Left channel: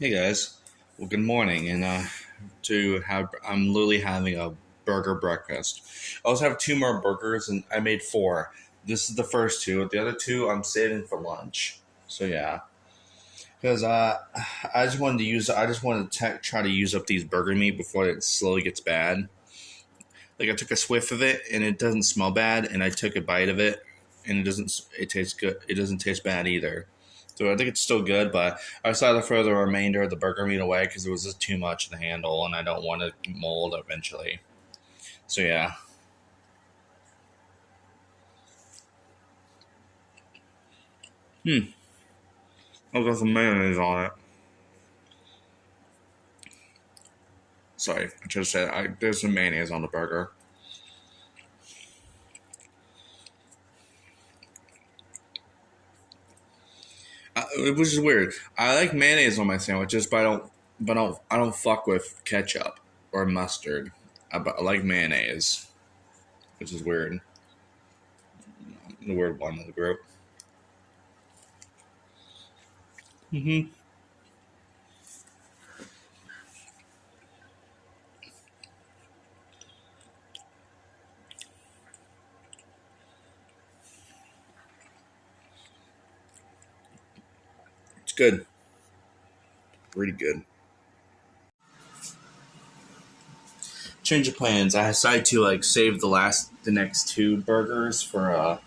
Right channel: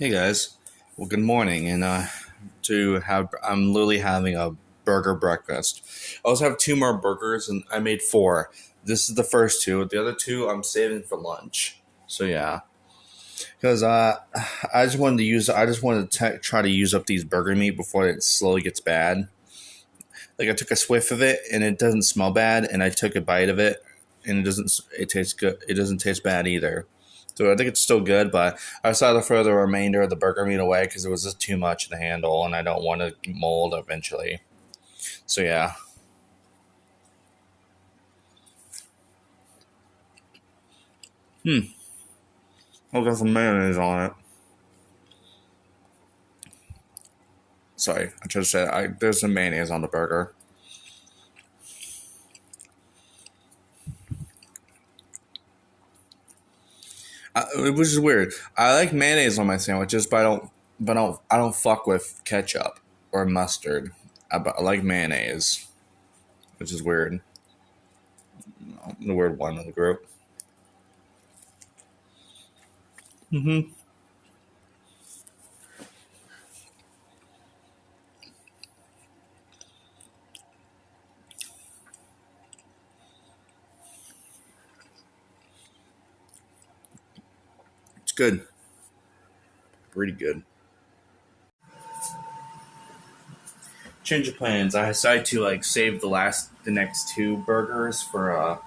Hey guys, well good morning, and I'm literally having a burger breakfast. I also have two more burgers, and I made four. This is the first two. The other two I'm saving for lunch. So yeah, because I just wanted to try to use up these burger meat before it slowly gets bad. Like I took a swift of it, and it doesn't smell bad, and I took a bite of it, and it tastes good. It doesn't taste bad either. So I think it's still good, but I decided to throw the remainder of the burger meat away because it was just too much to handle, and I don't want to mold eventually. So yeah, I'll got some mayonnaise on it. Sorry, I just said there's some mayonnaise on the burger. Which is weird. I like mayonnaise on my sandwiches, but I don't fuck with ketchup or mustard. I like mayonnaise, which is weird. The weird one of the group. Mm-hmm. It's good. Really good. Change of plans. I decided to save the next two burgers for I'm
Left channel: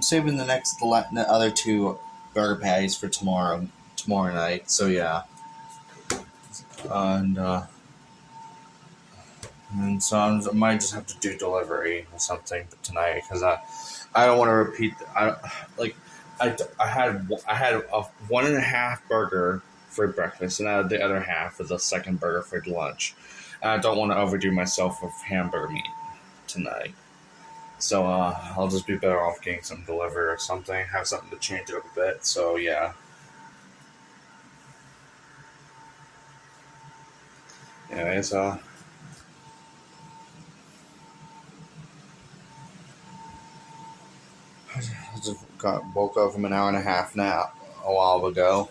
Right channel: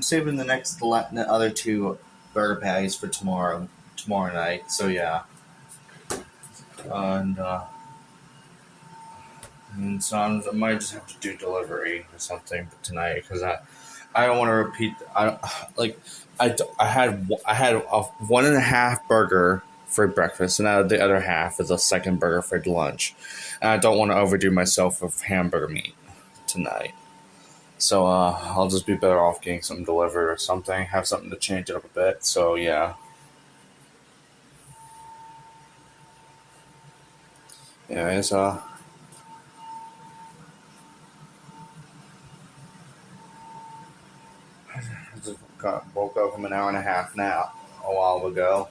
saving the other two burger patties for tomorrow night. So yeah, and I might just have to do delivery or something tonight because I don't want to repeat. Like I had a 1.5 burger for breakfast, and I had the other half as a second burger for lunch. And I don't want to overdo myself with hamburger meat tonight. So I'll just be better off getting something delivered or something. Have something to change it up a bit. So yeah, anyways, I just woke up from an hour and a half nap a while ago.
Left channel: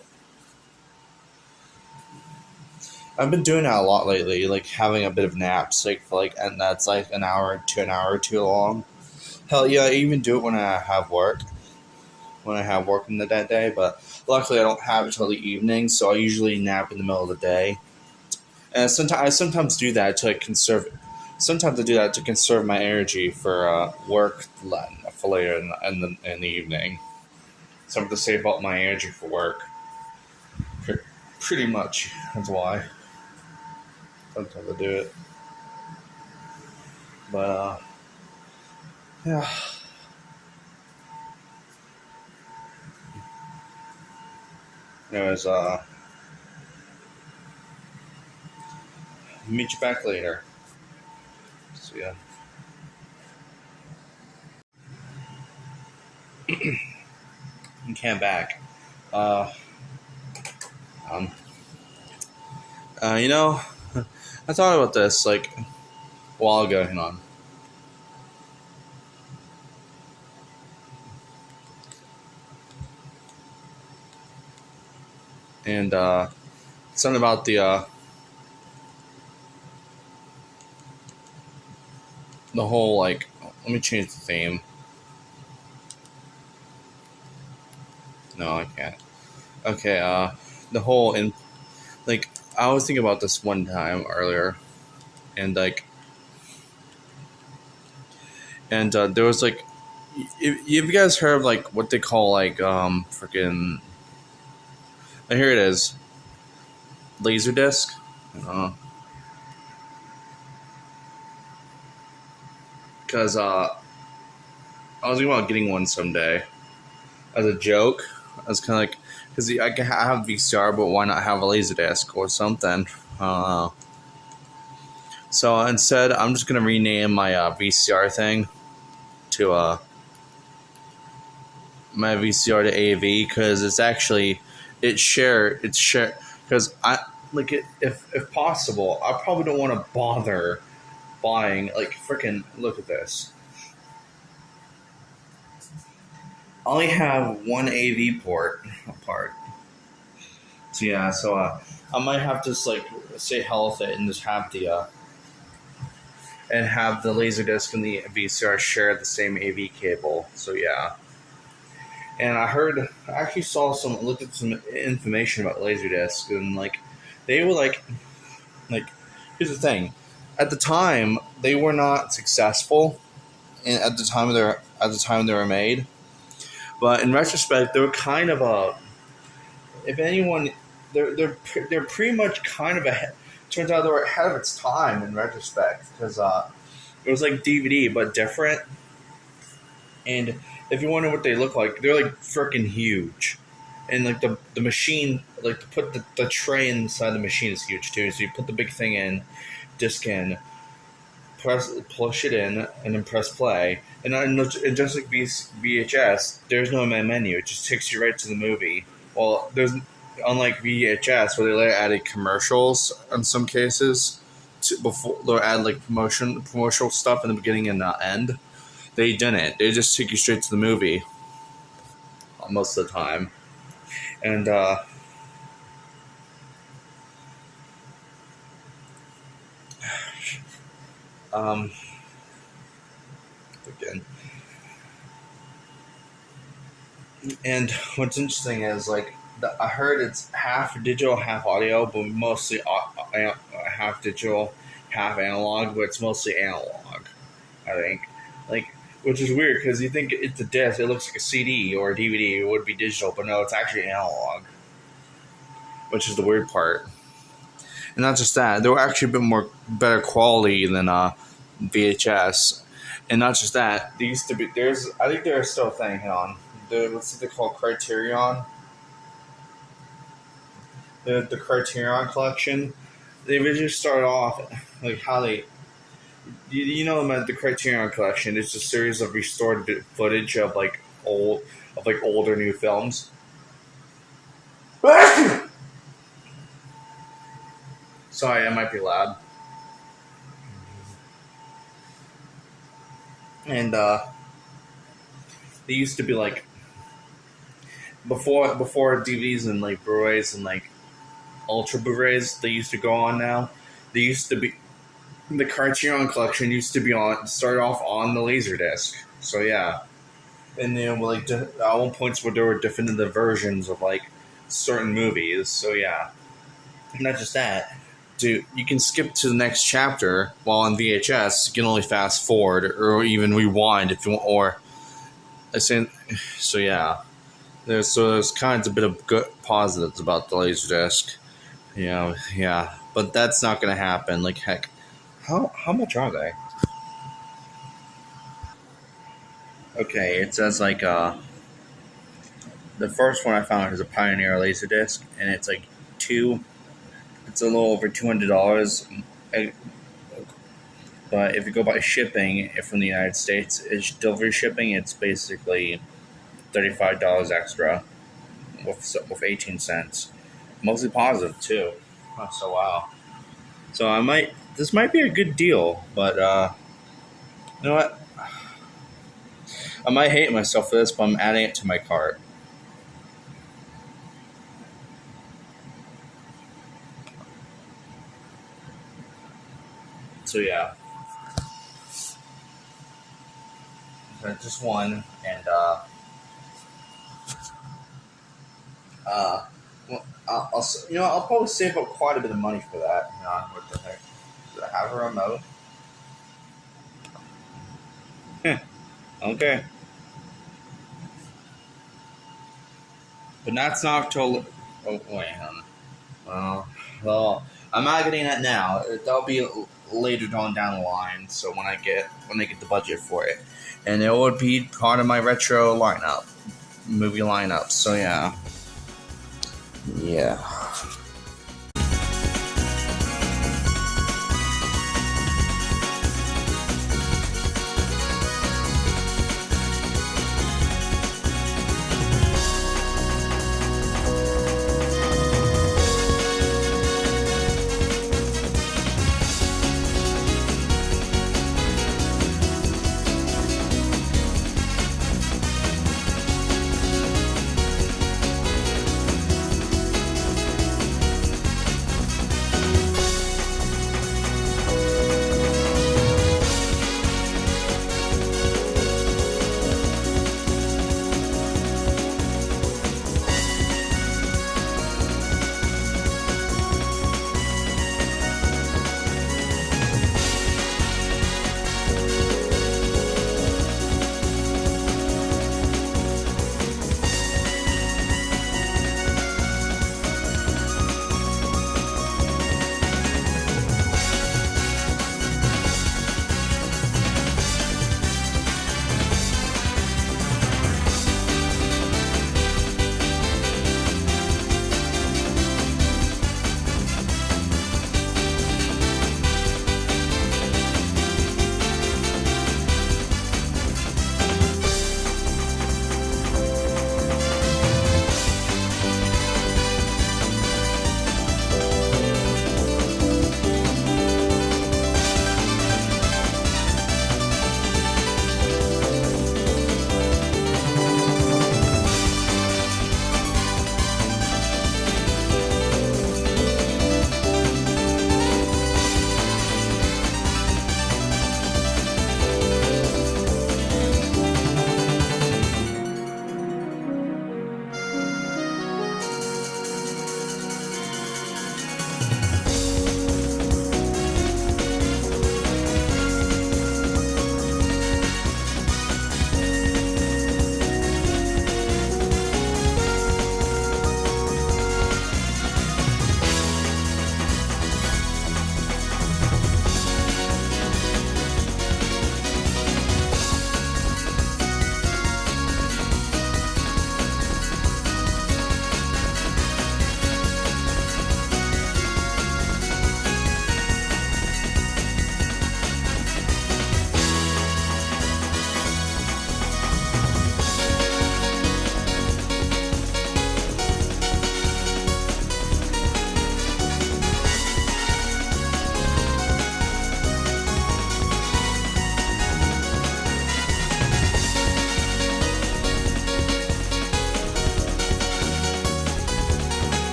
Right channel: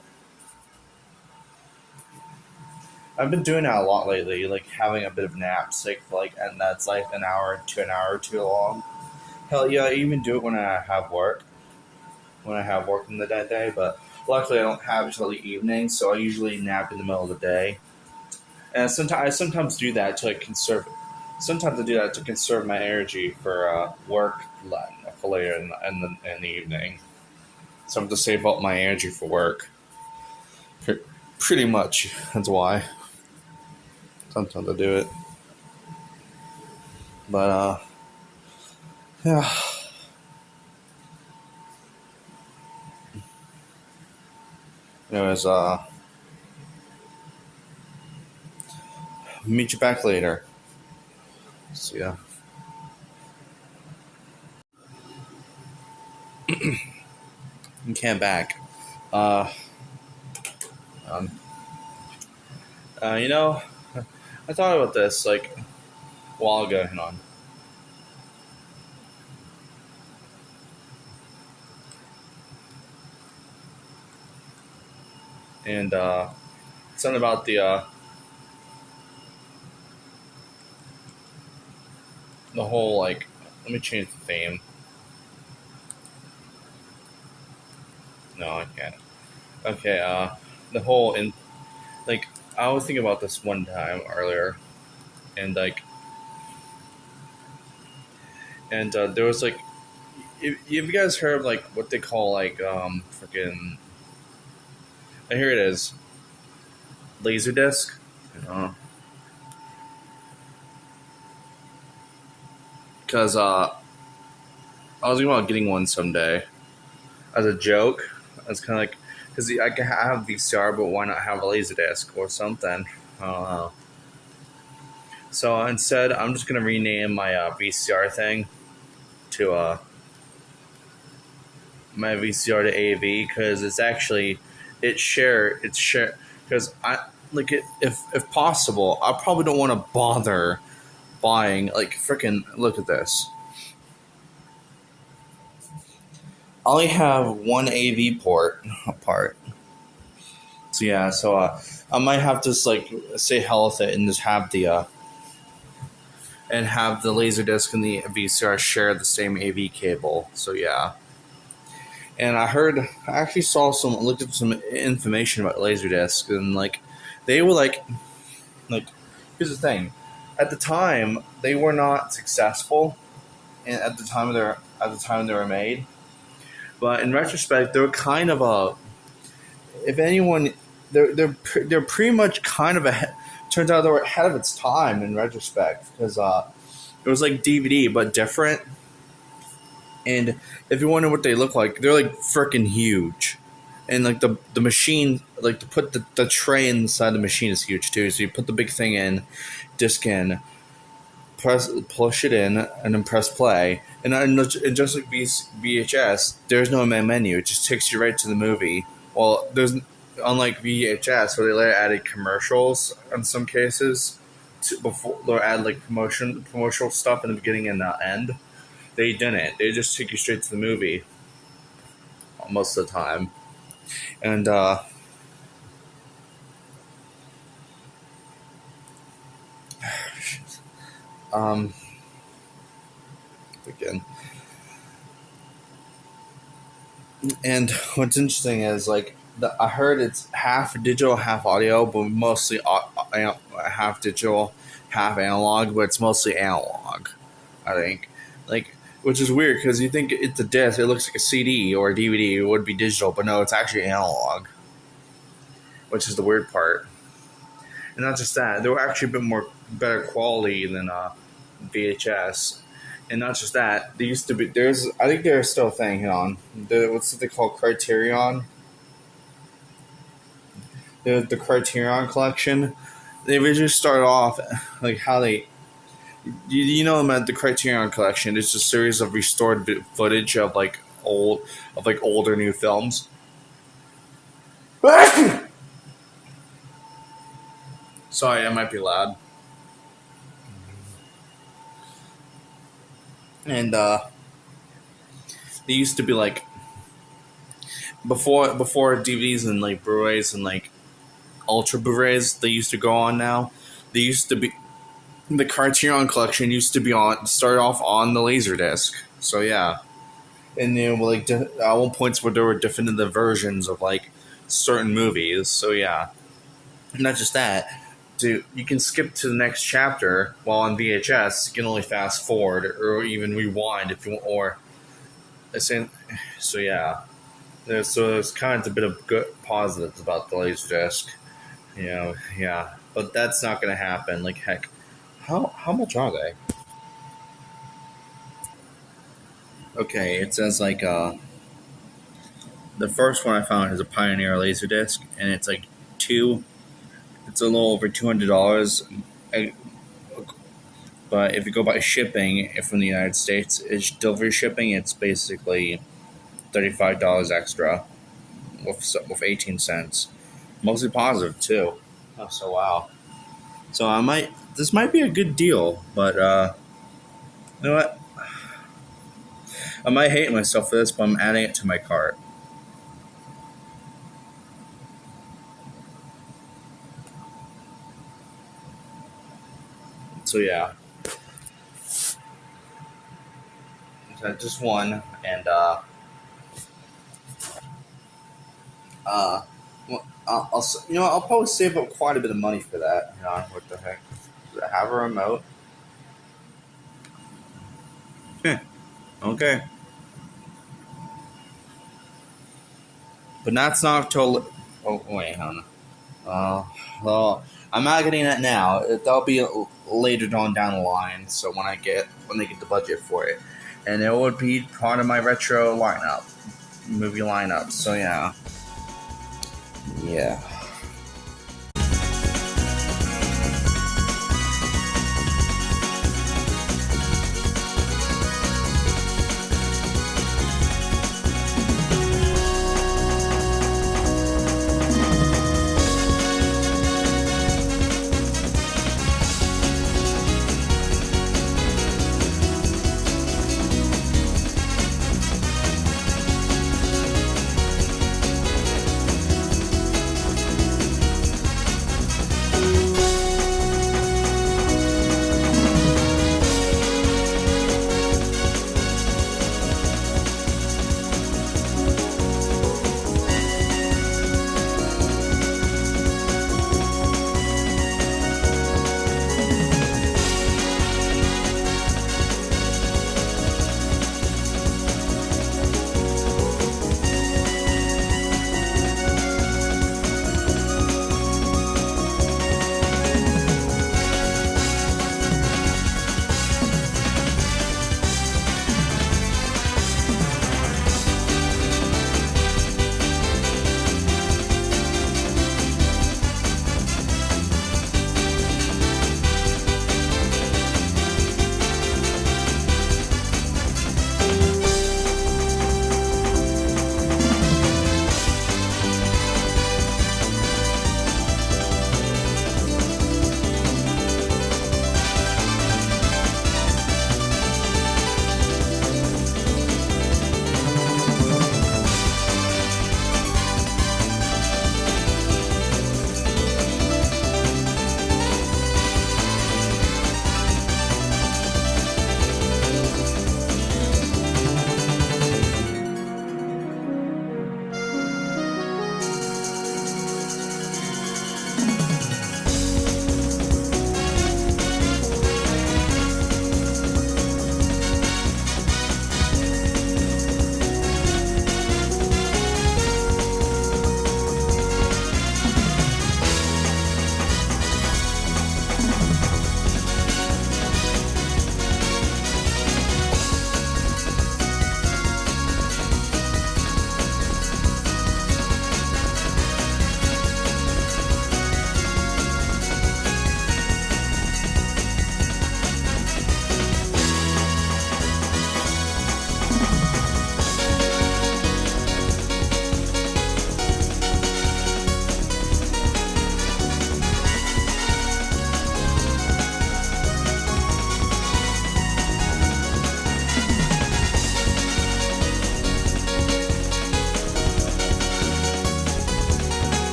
I've been doing that a lot lately, like having a bit of naps, and that's like an hour or two long. Hell yeah, I even do it when I have work in the day. But luckily, I don't have it till the evening, so I usually nap in the middle of the day. And I sometimes do that to conserve. Sometimes I do that to conserve my energy for work for later in the evening. So I'm to save up my energy for work. Pretty much, that's why. Sometimes I do it, but yeah. Anyways, meet you back later. So yeah, you can't back. Uh, um, you know, I thought about this like a while ago. Hang on. And something about the whole like. Let me change the theme. No, I can't. Okay. The whole in like I was thinking about this one time earlier, and there was like, have you guys heard of like what they call freaking? Here it is, Laserdisc. Because I was thinking about getting one someday as a joke. I was kind of like, because I can have VCR, but why not have a Laserdisc or something? I don't know. So instead, I'm just gonna rename my VCR thing to my VCR to AV because it's share because I like it, if possible. I probably don't want to bother buying like freaking look at this. I only have one AV port apart. So yeah, I might have to just like say hell with it and just have the laser disc and the VCR share the same AV cable. So yeah, and I actually looked at some information about Laserdisc, and like they were like here's the thing, at the time they were not successful at the time they were made, but in retrospect they were kind of a, if anyone, they're pretty much kind of a, turns out they were ahead of its time in retrospect, because it was like DVD but different. And if you wonder what they look like, they're like freaking huge. And like the machine, like to put the tray inside the machine is huge too. So you put the big thing in, disc in, push it in, and then press play. And just like VHS, there's no main menu. It just takes you right to the movie. Well, there's, unlike VHS where they later added commercials in some cases, before they'll add like promotional stuff in the beginning and the end. They didn't. They just took you straight to the movie most of the time. And um again. And what's interesting is like I heard it's half digital, half audio, but mostly half digital, half analog. But it's mostly analog, I think. Like, which is weird because you think it's a disc, it looks like a CD or a DVD. It would be digital, but no, it's actually analog, which is the weird part. And not just that, they were actually a bit more better quality than VHS. And not just that, there used to be, I think there's still a thing. Hang on, what's it they call Criterion? The Criterion collection. They originally started off like how they, you know about the Criterion collection. It's a series of restored footage of like older new films. Sorry, I might be loud. And they used to be like before DVDs and like Blu-rays and like Ultra Blu-rays they used to go on now. They used to be, the Criterion collection used to be start off on the Laserdisc. So yeah, and then like at one point where there were definitive versions of like certain movies. So yeah, and not just that. You can skip to the next chapter, while on VHS you can only fast forward or even rewind if you want. Or so yeah, there's kind of a bit of good positives about the Laserdisc. Yeah, but that's not gonna happen. Like heck, how much are they? Okay, it says like the first one I found is a Pioneer Laserdisc, and it's like it's a little over $200. But if you go by shipping from the United States, it's delivery shipping. It's basically $35 extra with 18 cents. Mostly positive too. Oh, so wow. So this might be a good deal, but you know what? I might hate myself for this, but I'm adding it to my cart. So yeah, just one, and well, I'll probably save up quite a bit of money for that. What the heck? Does it have a remote? Okay. But that's not till. Oh wait, hold on. Well, I'm not getting that now. That'll be later down the line. So when I get the budget for it, and it would be part of my retro movie lineup. So yeah.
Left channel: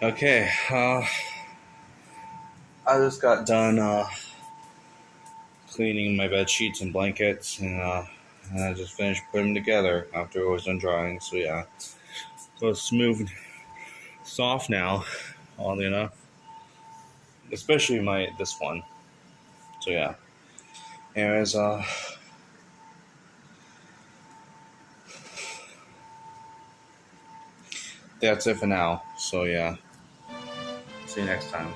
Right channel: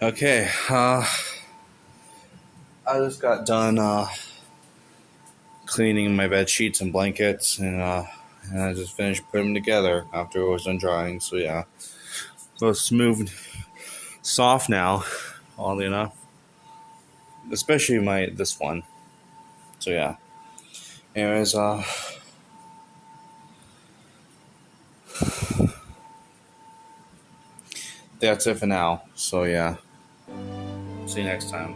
Okay, I just got done cleaning my bed sheets and blankets, and I just finished putting them together after it was done drying. So yeah, so smooth, soft now, oddly enough, especially this one. So yeah, anyways, that's it for now. So yeah, see you next time.